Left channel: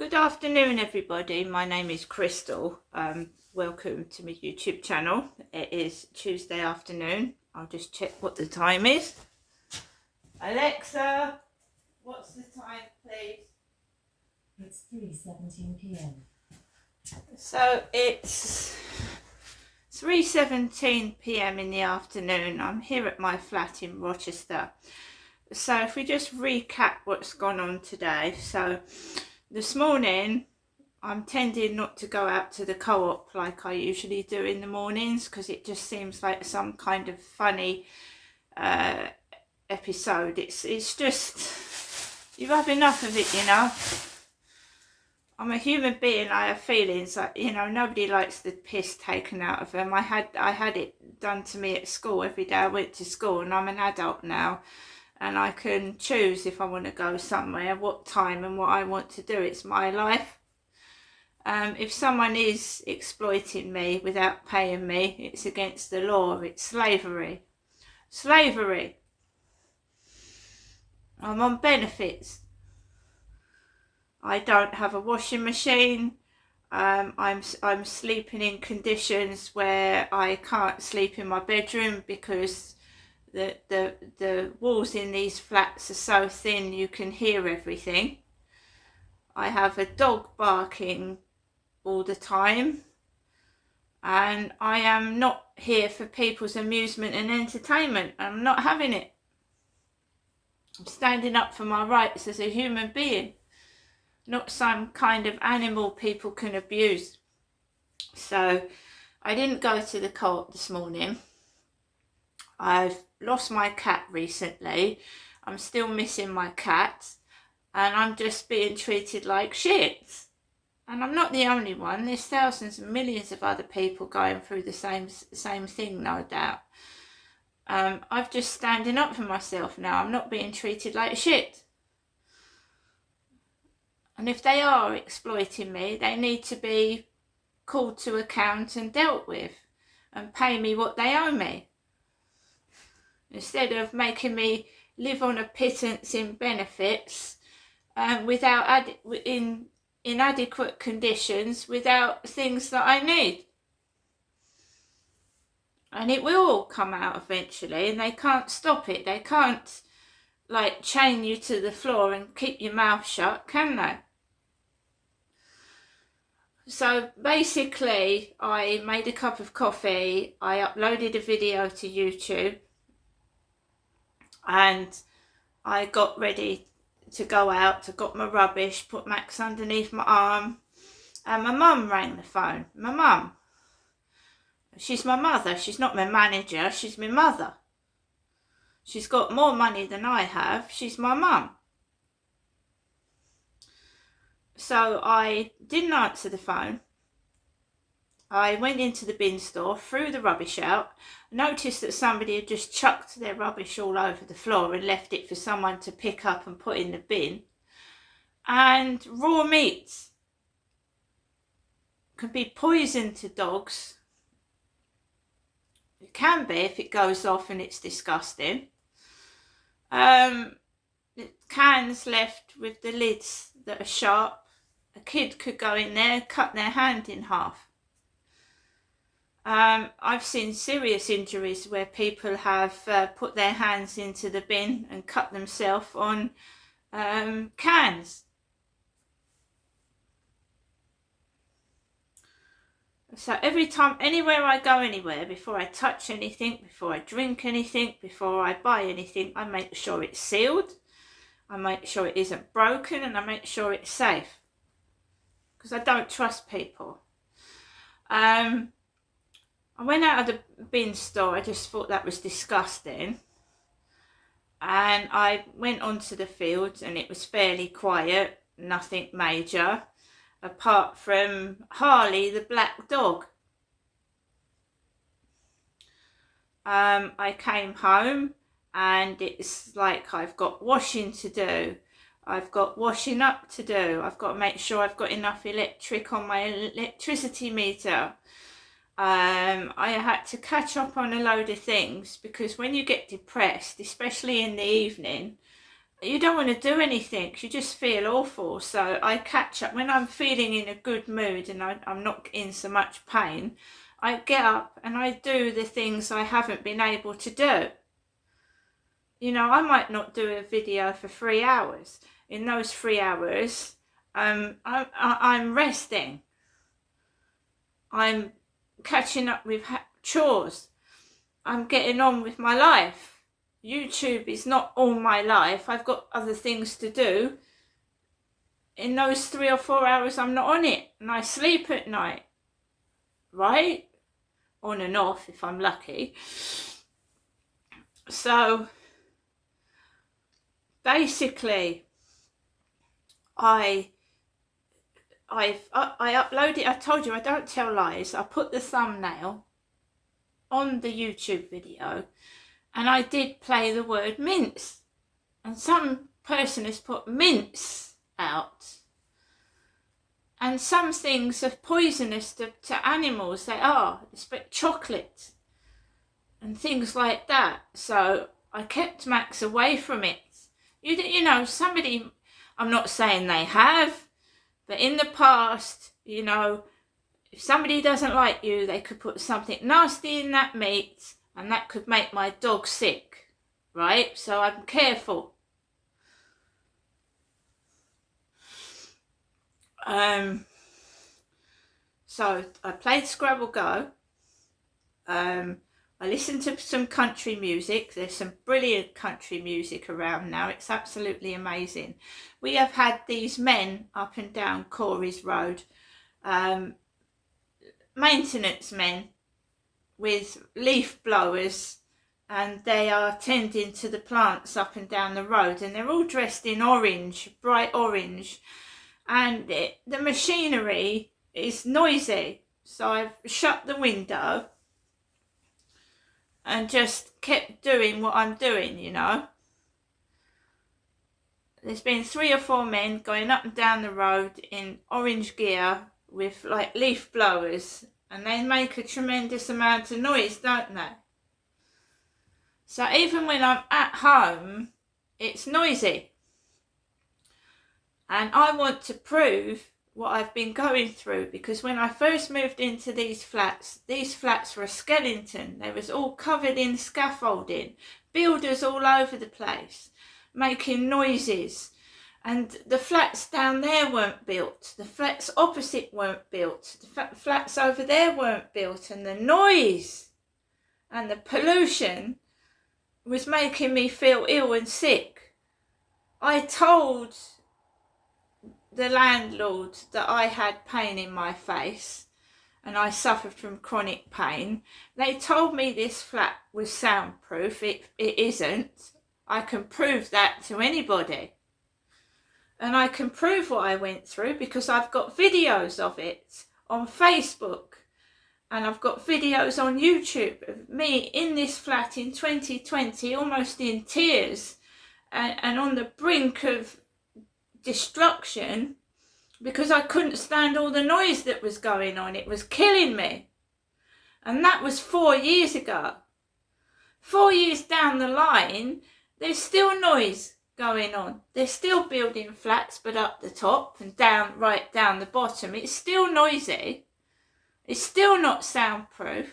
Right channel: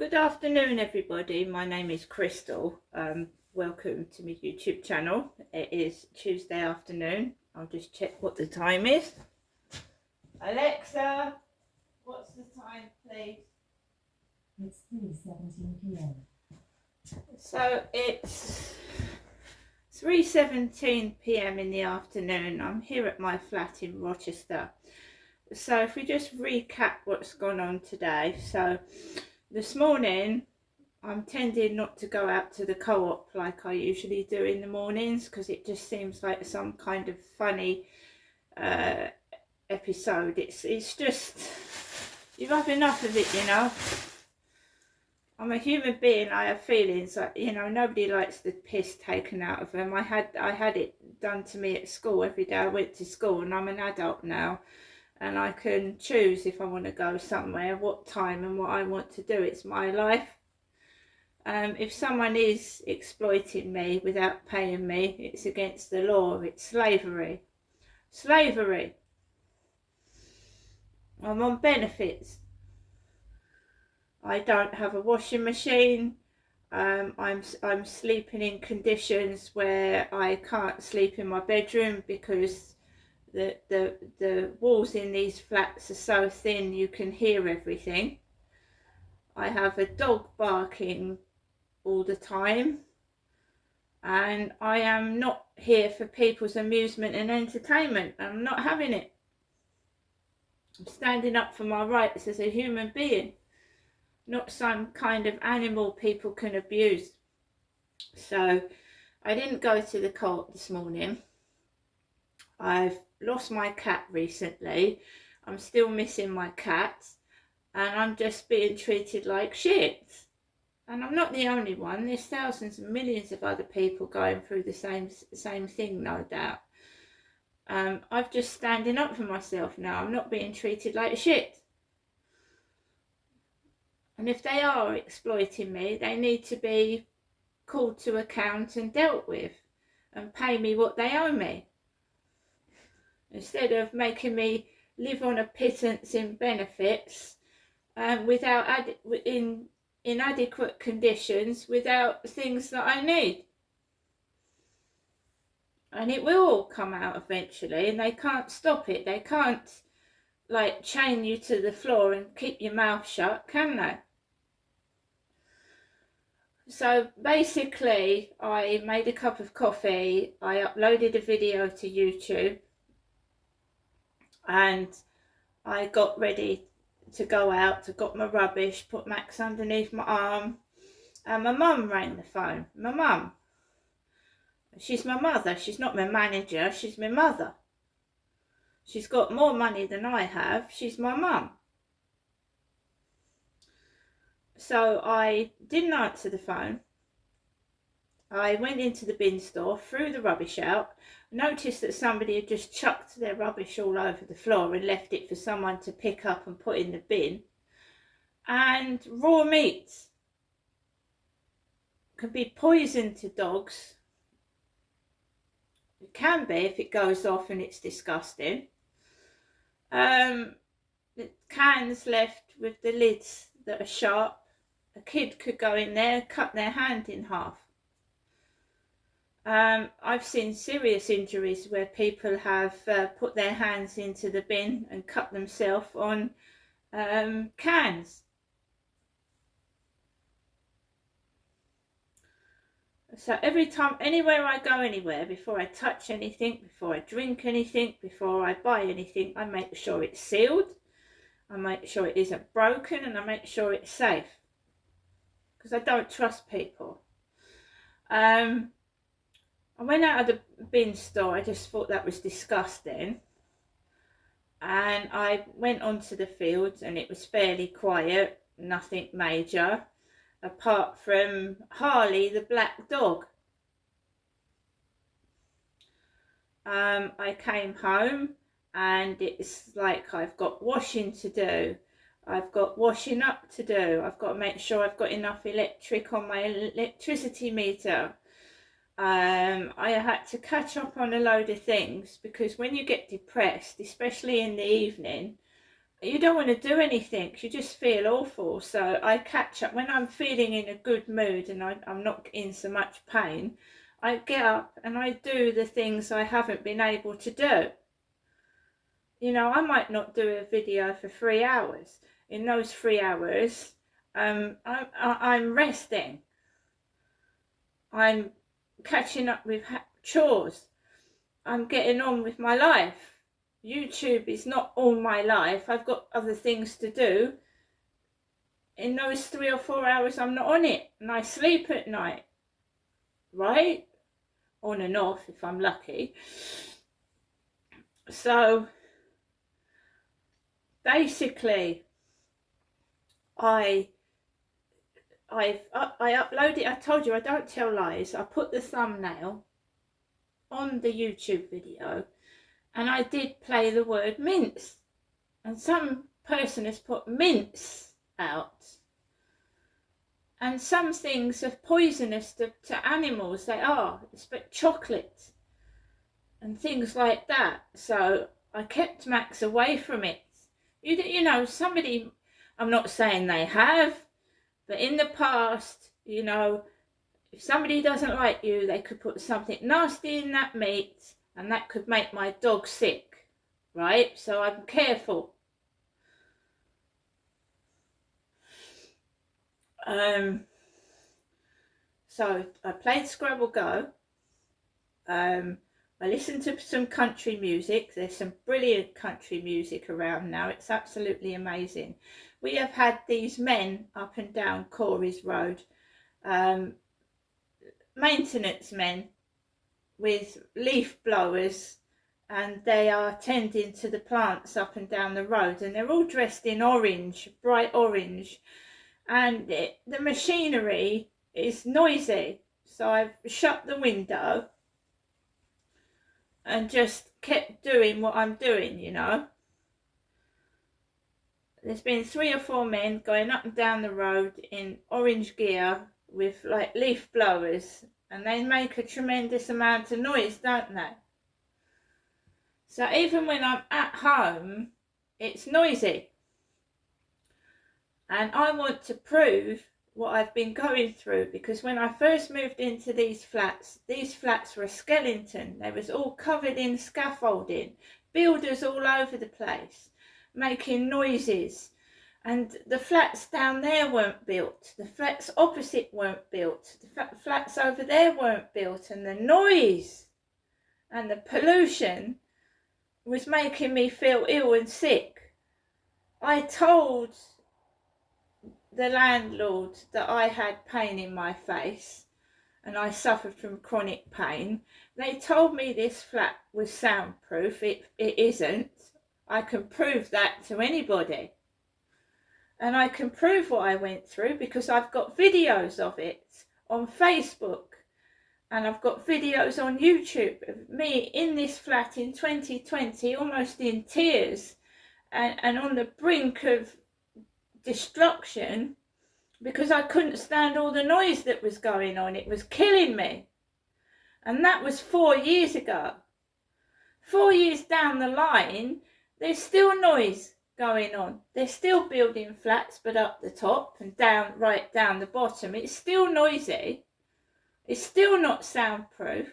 Good afternoon, everybody. My name is Crystal. Welcome to my YouTube channel. It is Tuesday afternoon. I'll just check what the time is. Alexa, what's the time, please? It's 3:17 p.m. So it's 3:17 p.m. in the afternoon. I'm here at my flat in Rochester. So if we just recap what's gone on today. So this morning, I'm tending not to go out to the co-op like I usually do in the mornings because it just seems like some kind of funny episode. It's just, you have enough of it, you know. I'm a human being. I have feelings. Like, you know, nobody likes the piss taken out of them. I had it done to me at school every day I went to school, and I'm an adult now. And I can choose if I want to go somewhere, what time and what I want to do. It's my life. If someone is exploiting me without paying me, it's against the law. It's slavery. Slavery. I'm on benefits. I don't have a washing machine. I'm sleeping in conditions where I can't sleep in my bedroom because the walls in these flats are so thin you can hear everything. I have a dog barking all the time, and I am not here for people's amusement and entertainment. I'm not having it. I'm standing up for my rights as a human being, not some kind of animal people can abuse. So I didn't go to the co-op this morning. I've lost my cat recently. I'm still missing my cat, and I'm just being treated like shit. And I'm not the only one. There's thousands and millions of other people going through the same thing, no doubt. I'm just standing up for myself now. I'm not being treated like shit. And if they are exploiting me, they need to be called to account and dealt with, and pay me what they owe me, instead of making me live on a pittance in benefits, without in inadequate conditions, without things that I need. And it will all come out eventually, and they can't stop it. They can't like chain you to the floor and keep your mouth shut, can they? So basically, I made a cup of coffee, I uploaded a video to YouTube, and I got ready to go out. I got my rubbish, put Max underneath my arm, and my mum rang the phone. My mum. She's my mother. She's not my manager. She's my mother. She's got more money than I have. She's my mum. So I didn't answer the phone. I went into the bin store, threw the rubbish out, noticed that somebody had just chucked their rubbish all over the floor and left it for someone to pick up and put in the bin. And raw meat can be poison to dogs. It can be if it goes off and it's disgusting. Cans left with the lids that are sharp. A kid could go in there, cut their hand in half. I've seen serious injuries where people have put their hands into the bin and cut themselves on cans. So every time, anywhere I go anywhere, before I touch anything, before I drink anything, before I buy anything, I make sure it's sealed, I make sure it isn't broken, and I make sure it's safe. Because I don't trust people. I went out of the bin store. I just thought that was disgusting. And I went onto the fields, and it was fairly quiet, nothing major, apart from Harley, the black dog. I came home, and it's like I've got washing to do. I've got washing up to do. I've got to make sure I've got enough electric on my electricity meter. I had to catch up on a load of things, because when you get depressed, especially in the evening, you don't want to do anything. You just feel awful. So I catch up when I'm feeling in a good mood and I'm not in so much pain. I get up and I do the things I haven't been able to do. You know, I might not do a video for 3 hours. In those 3 hours, I'm resting. I'm catching up with chores. I'm getting on with my life. YouTube is not all my life. I've got other things to do. In those 3 or 4 hours, I'm not on it, and I sleep at night, right? On and off if I'm lucky. So basically, I uploaded. I told you I don't tell lies. I put the thumbnail on the YouTube video. And I did play the word mince. And some person has put mince out. And some things are poisonous to animals. They are. It's but chocolate. And things like that. So I kept Max away from it. You know, somebody, I'm not saying they have. But in the past, you know, if somebody doesn't like you, they could put something nasty in that meat. And that could make my dog sick, right? So I'm careful. So I played Scrabble Go. I listened to some country music. There's some brilliant country music around now. It's absolutely amazing. We have had these men up and down Corey's Road, maintenance men, with leaf blowers, and they are tending to the plants up and down the road, and they're all dressed in orange, bright orange, and the machinery is noisy. So I've shut the window and just kept doing what I'm doing, you know. There's been 3 or 4 men going up and down the road in orange gear with like leaf blowers, and they make a tremendous amount of noise, don't they? So even when I'm at home, it's noisy. And I want to prove what I've been going through, because when I first moved into these flats were a skeleton. They was all covered in scaffolding, builders all over the place, making noises. And the flats down there weren't built. The flats opposite weren't built. The flats over there weren't built. And the noise and the pollution was making me feel ill and sick. I told the landlord that I had pain in my face and I suffered from chronic pain. They told me this flat was soundproof. It isn't. I can prove that to anybody. And I can prove what I went through because I've got videos of it on Facebook. And I've got videos on YouTube of me in this flat in 2020, almost in tears and on the brink of destruction because I couldn't stand all the noise that was going on. It was killing me. And that was 4 years ago. 4 years down the line, there's still noise going on. They're still building flats, but up the top and down, right down the bottom. It's still noisy. It's still not soundproof.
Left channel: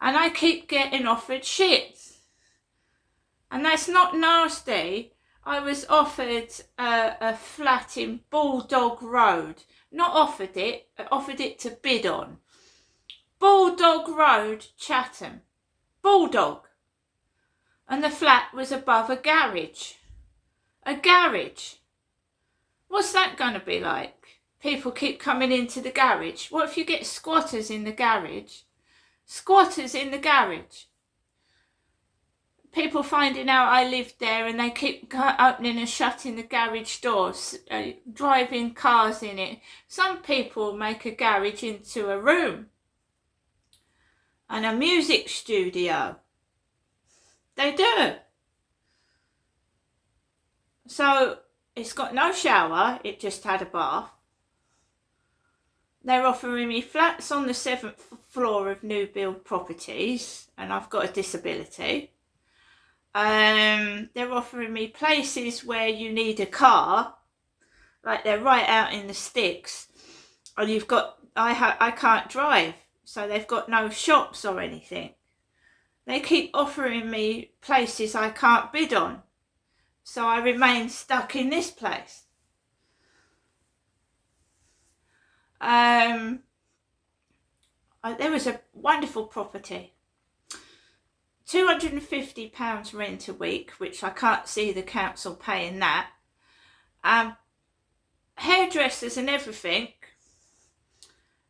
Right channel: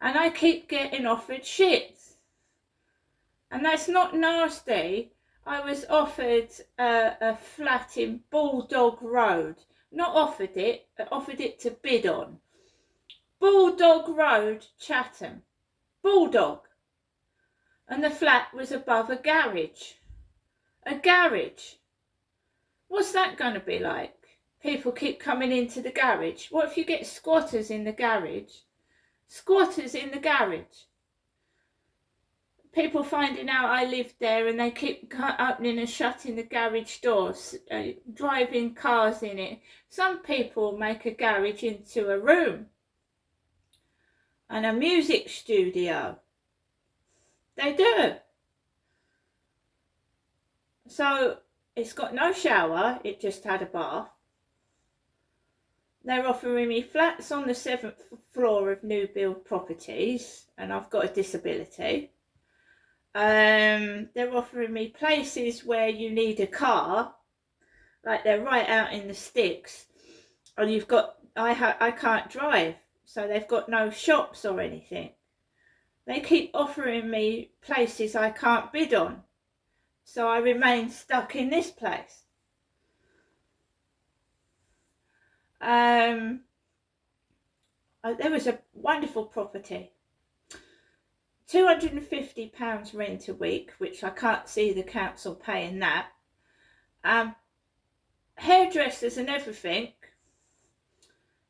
And I keep getting offered shit. And that's not nasty. I was offered a flat in Bulldog Road. Not offered it, but offered it to bid on. Bulldog Road, Chatham. Bulldog. And the flat was above a garage. A garage. What's that going to be like? People keep coming into the garage. What if you get squatters in the garage? Squatters in the garage. People finding out I lived there and they keep opening and shutting the garage doors, driving cars in it. Some people make a garage into a room and a music studio. They do. So it's got no shower, it just had a bath. They're offering me flats on the 7th floor of new build properties, and I've got a disability. They're offering me places where you need a car, like they're right out in the sticks, and you've got I can't drive, so they've got no shops or anything. They keep offering me places I can't bid on, so I remain stuck in this place. There was a wonderful property, £250 rent a week, which I can't see the council paying that. Hairdressers and everything,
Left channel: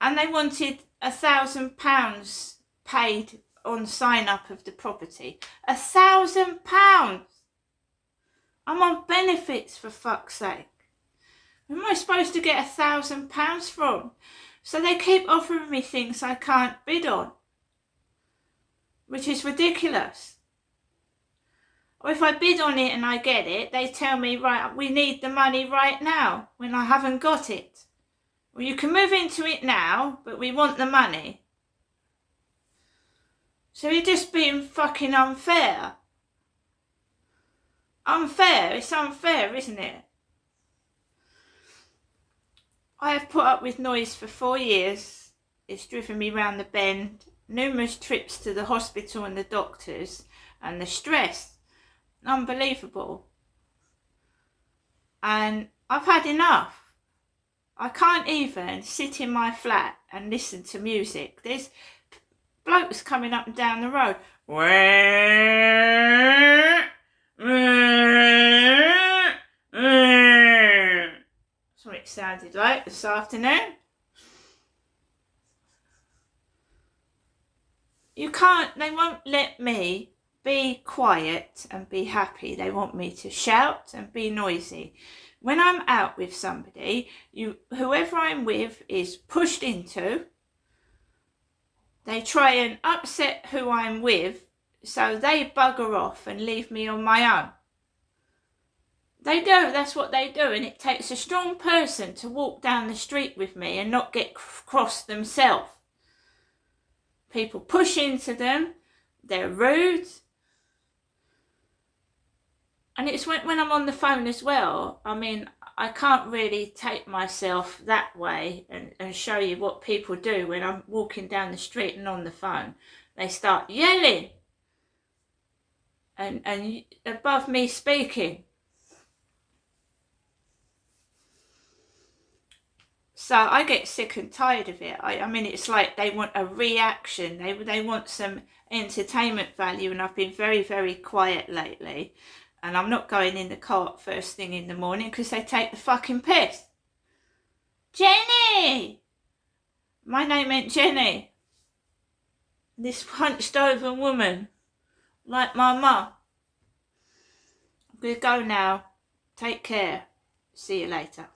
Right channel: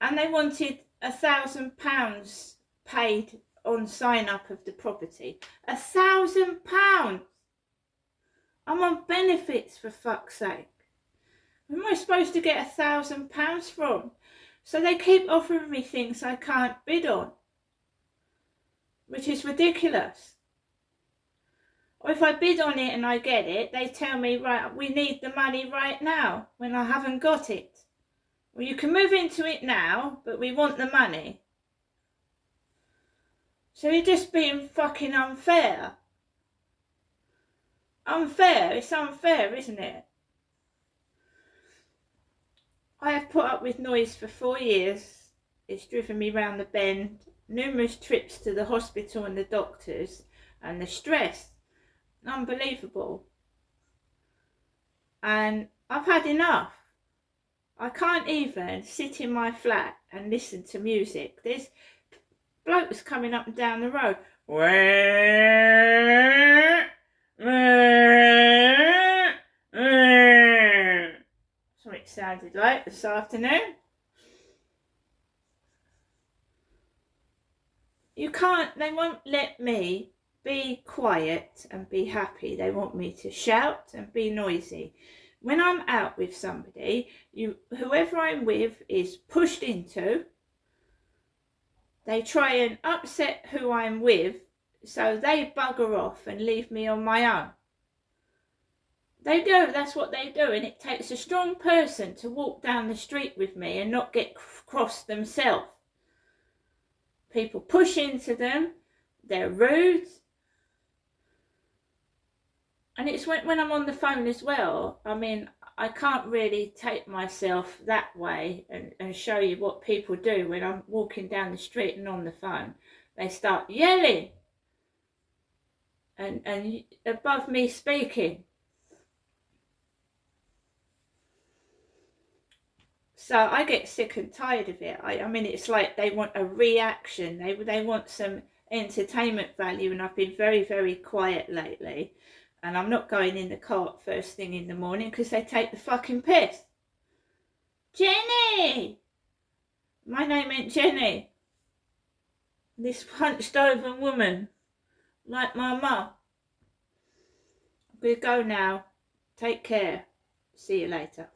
and they wanted £1,000 paid on sign up of the property. £1,000. I'm on benefits, for fuck's sake. Where am I supposed to get £1,000 from? So they keep offering me things I can't bid on, which is ridiculous. Or if I bid on it and I get it, they tell me, right, we need the money right now, when I haven't got it. Well, you can move into it now, but we want the money. So you're just being fucking unfair. Unfair, it's unfair, isn't it? I have put up with noise for 4 years. It's driven me round the bend, numerous trips to the hospital and the doctors, and the stress. Unbelievable. And I've had enough. I can't even sit in my flat and listen to music. There's blokes coming up and down the road. That's what it sounded like this afternoon. You can't, they won't let me be quiet and be happy. They want me to shout and be noisy. When I'm out with somebody, whoever I'm with is pushed into. They try and upset who I'm with, so they bugger off and leave me on my own. They do, that's what they do, and it takes a strong person to walk down the street with me and not get crossed themselves. People push into them, they're rude. And it's when I'm on the phone as well. I mean, I can't really take myself that way and show you what people do when I'm walking down the street and on the phone. They start yelling and above me speaking. So I get sick and tired of it. I mean, it's like they want a reaction. They want some entertainment value, and I've been very, very quiet lately. And I'm not going in the car first thing in the morning because they take the fucking piss. Jenny! My name ain't Jenny. This hunched over woman, like my mum. I'm going to go now. Take care. See you later.